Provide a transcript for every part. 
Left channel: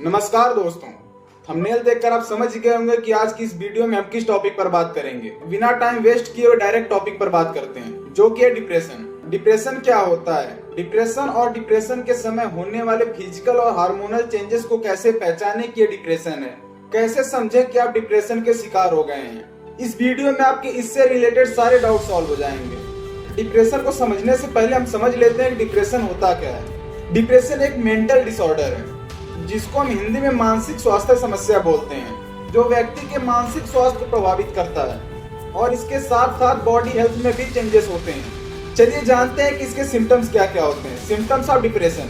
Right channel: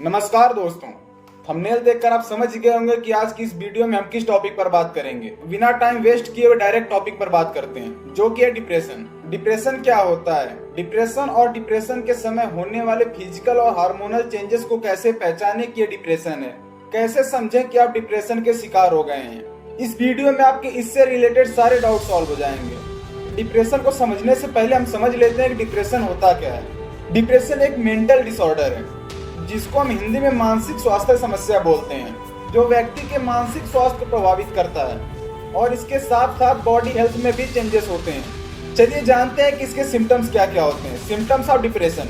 नमस्कार दोस्तों, थंबनेल देखकर आप समझ गए होंगे कि आज की इस वीडियो में हम किस टॉपिक पर बात करेंगे। बिना टाइम वेस्ट किए हुए डायरेक्ट टॉपिक पर बात करते हैं, जो कि है डिप्रेशन। डिप्रेशन क्या होता है? डिप्रेशन और डिप्रेशन के समय होने वाले फिजिकल और हार्मोनल चेंजेस को कैसे पहचाने कि ये डिप्रेशन है, कैसे समझें कि आप डिप्रेशन के शिकार हो गए हैं। इस वीडियो में आपके इससे रिलेटेड सारे डाउट सॉल्व हो जाएंगे। डिप्रेशन को समझने से पहले हम समझ लेते हैं कि डिप्रेशन होता क्या है। डिप्रेशन एक मेंटल डिसऑर्डर है जिसको हम हिंदी में मानसिक स्वास्थ्य समस्या बोलते हैं, जो व्यक्ति के मानसिक स्वास्थ्य को प्रभावित करता है और इसके साथ साथ बॉडी हेल्थ में भी चेंजेस होते हैं। चलिए जानते हैं कि इसके सिम्टम्स क्या क्या होते हैं। Symptoms of depression.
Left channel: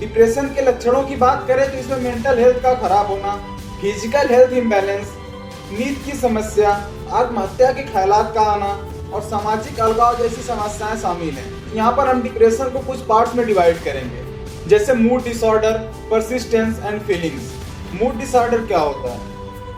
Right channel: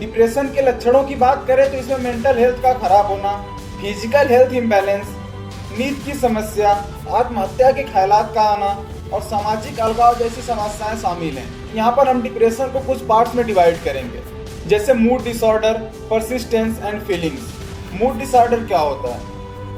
डिप्रेशन के लक्षणों की बात करें तो इसमें मेंटल हेल्थ का खराब होना, फिजिकल हेल्थ इम्बैलेंस, नींद की समस्या, आत्महत्या के ख्यालात का आना और सामाजिक अलगाव जैसी समस्याएं शामिल हैं। यहाँ पर हम डिप्रेशन को कुछ पार्ट्स में डिवाइड करेंगे, जैसे mood disorder, persistence and feelings. Mood disorder क्या होता है?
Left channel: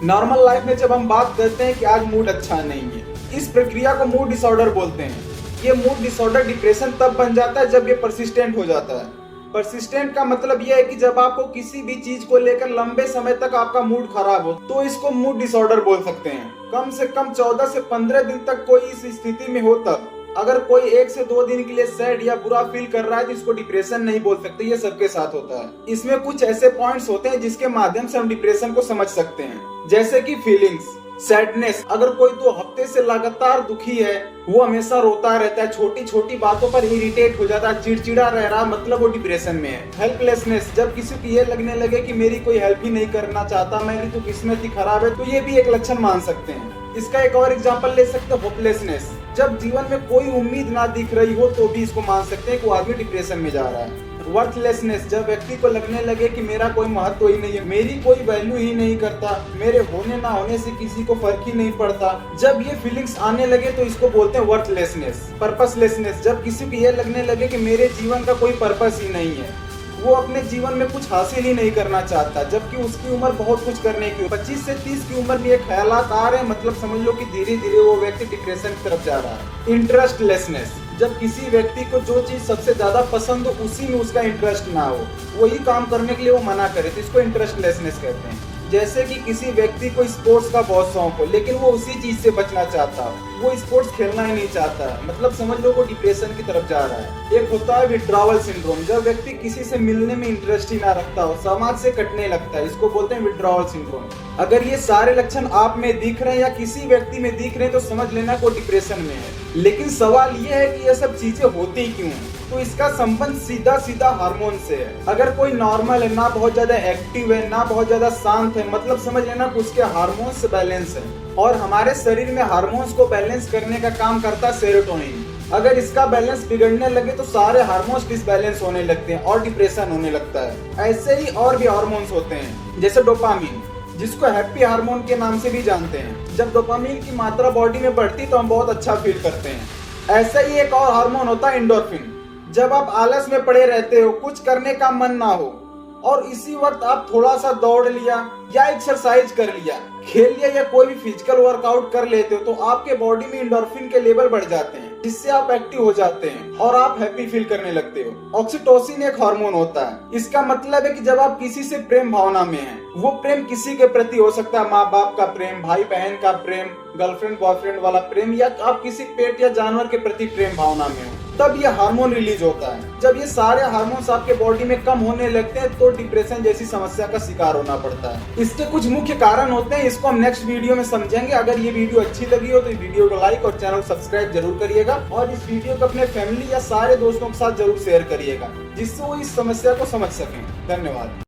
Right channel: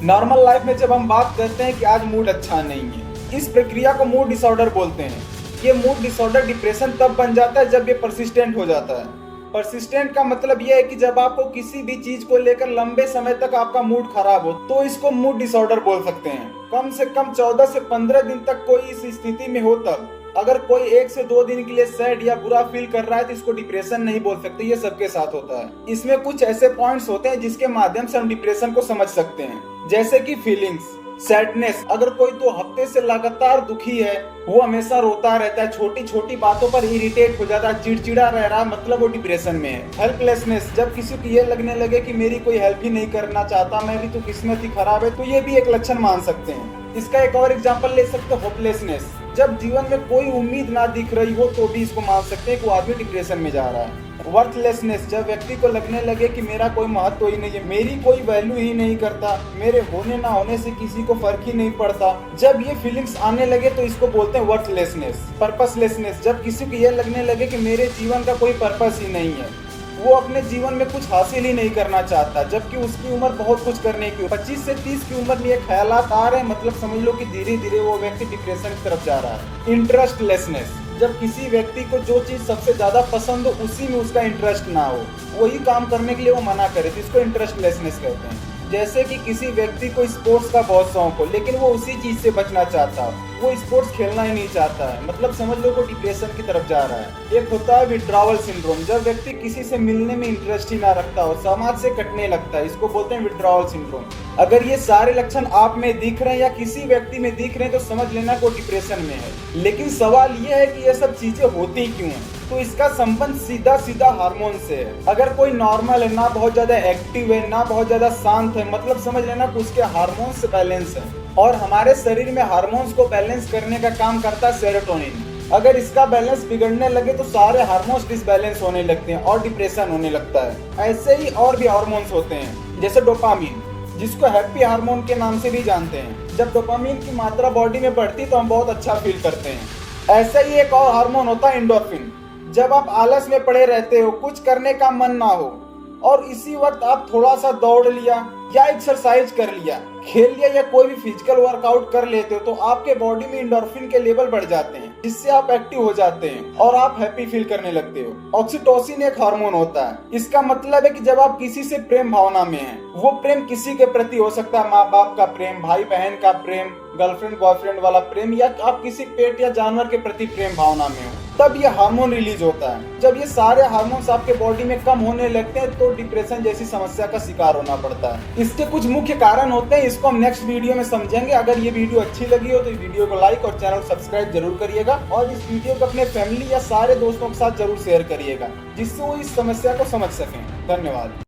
नॉर्मल लाइफ में जब हम बात करते हैं कि आज मूड अच्छा नहीं है, इस प्रक्रिया को मूड डिसऑर्डर बोलते हैं। ये मूड डिसऑर्डर डिप्रेशन तब बन जाता है जब ये परसिस्टेंट हो जाता है। परसिस्टेंट का मतलब यह है कि जब आपको किसी भी चीज को लेकर लंबे समय तक आपका मूड खराब हो तो इसको मूड डिसऑर्डर बोल सकते हैं। कम से कम 14 से 15 दिन तक कोई इस स्थिति में हो तब। अगर कोई 1 से 2 दिन के लिए सैड या बुरा फील कर रहा है तो इसको डिप्रेशन नहीं बोल सकते, ये सबके साथ होता है। इसमें कुछ ऐसे पॉइंट्स होते हैं जिसके माध्यम से हम डिप्रेशन को समझ सकते हैं, जैसे कि फीलिंग्स, सैडनेस। अगर कोई 2 हफ्ते से लगातार दुखी है, वो हमेशा रोता रहता है, छोटी छोटी बातों पर इरिटेट हो जाता है, चिड़चिड़ा रह रहा, मतलब वो डिप्रेशन में है। हेल्पलेसनेस, जब किसी को ये लगने लगे कि मेरी कोई हेल्प ही नहीं करना चाहता, मेरी तो किस्मत ही खराब है, तो ये भी एक लक्षण मान सकते हैं। इसका एक और एग्जांपल ले सकते हो, होपलेसनेस। जब जीवन में कोई उम्मीद ना दिख रही हो तो भी इसको मान सकते हैं कि वो आदमी डिप्रेशन में जा रहा है। वर्थलेसनेस, जब व्यक्ति को लगने लगे कि मेरा कोई महत्व ही नहीं है, मेरी कोई वैल्यू ही नहीं करता, मेरे होने ना होने से किसी को फर्क ही नहीं पड़ता, जब ये फीलिंग्स आने लगे तो इसको बोलते हैं वर्थलेसनेस। पर्पसलेसनेस, जब किसी को ये लगने लगे कि मेरे जीवन का कोई पर्पस ही नहीं है, वो अपने जीवन में कुछ हासिल ही नहीं करना चाहता, जबकि उसकी उम्र बहुत कुछ करने की। 25 से 30 की उम्र में ये ख्यालात आ रहे हैं, मतलब समझ लो कि धीरे धीरे वो व्यक्ति डिप्रेशन की तरफ जा रहा है। इंटरेस्टलेसनेस, जब किसी व्यक्ति को जो चीज सबसे ज्यादा पसंद हो उसी में उसका इंटरेस्ट ना हो, वही काम करने के लिए वो मना करे, तो इसको इंटरेस्टलेसनेस कहते हैं। जैसे कि किसी व्यक्ति को स्पोर्ट्स का बहुत शौक हो लेकिन वो उसी चीज से बचना चाहता हो, वो स्पोर्ट्स खेलना ही नहीं चाहता है, मतलब समझ लो वो डिप्रेशन की तरफ जा रहा है। एक होता है विड्रॉवल सिंड्रोम, जब व्यक्ति किसी से मिलने में इंटरेस्ट ही ना रखता हो, समाज से कटने लगता है, इसको बोलते हैं विड्रॉवल सिंड्रोम। अगर ये सारे लक्षण आप में दिख रहे हैं या किसी व्यक्ति में दिख रहे हैं तो समझ लेना वो डिप्रेशन में है। लेकिन सवाल ये है कि ये सब चीजें होती क्यों हैं? तो इसका संबंध सीधा सीधा हार्मोन से है। अगर कोई नॉर्मल है, ना बहुत ज्यादा एक्टिव है, ना बहुत ज्यादा शांत है, मतलब समझ लेना कि उसके हार्मोन्स बैलेंस है। और हमारे शरीर में हार्मोन्स को बैलेंस करने का काम करता है सेरोटोनिन। अगर इसका बैलेंस बिगड़ने लगे तो सारे हार्मोन्स डिसबैलेंस होने लगते हैं और डिप्रेशन होने लगता है। ऐसे ही और भी हार्मोन्स होते हैं, जैसे डोपामिन, जिसको हैप्पी हार्मोन के नाम से भी जानते हैं। जब डोपामिन की मात्रा बॉडी में बढ़ती तो हम बहुत अच्छा फील करते हैं। ऐसा ही एक और हार्मोन होता है एंडोर्फिन। जब आप आलस में पड़े रहते हो, कुछ करने का मन ना हो और इसी वक्त आप थोड़ा सा दौड़ लिया या एक्सरसाइज कर लिया, खेल लिया या कोई भी फिजिकल वर्कआउट कर लेते हो, तो आपके बॉडी में एंडोर्फिन के लेवल बढ़ जाते हैं, जिससे आप एक्टिव हो जाते हैं और आप हैप्पी फील करने लगते हो। ऑक्सीटोसिन एक हार्मोन होता है। इसका मतलब है कि जब आप किसी से प्रेम भावना में हैं, वो प्रेम किसी के प्रति हो सकता है, माँ बाप का प्रेम, भाई बहन का प्रेम, गर्लफ्रेंड बॉयफ्रेंड वाला प्रेम, या आप किसी पेट या जानवर के प्रति प्रेम भावना में हो, तब ये हार्मोन रिलीज होता है। जब ये सारे हार्मोन्स आपके बॉडी में कम होने लगते हैं तो डिप्रेशन जैसी समस्या का शिकार होना पड़ता है। इसके कुछ मुख्य कारण होते हैं, इसको हम नेक्स्ट वीडियो में समझेंगे। अगर ये वीडियो अच्छी लगी हो तो इस वीडियो को लाइक और चैनल सब्सक्राइब जरूर करिएगा और इस वीडियो को अपने फैमिली या सारे दोस्तों के साथ जरूर शेयर करिएगा, जिससे वो इस समस्या को समझ सकें। धन्यवाद।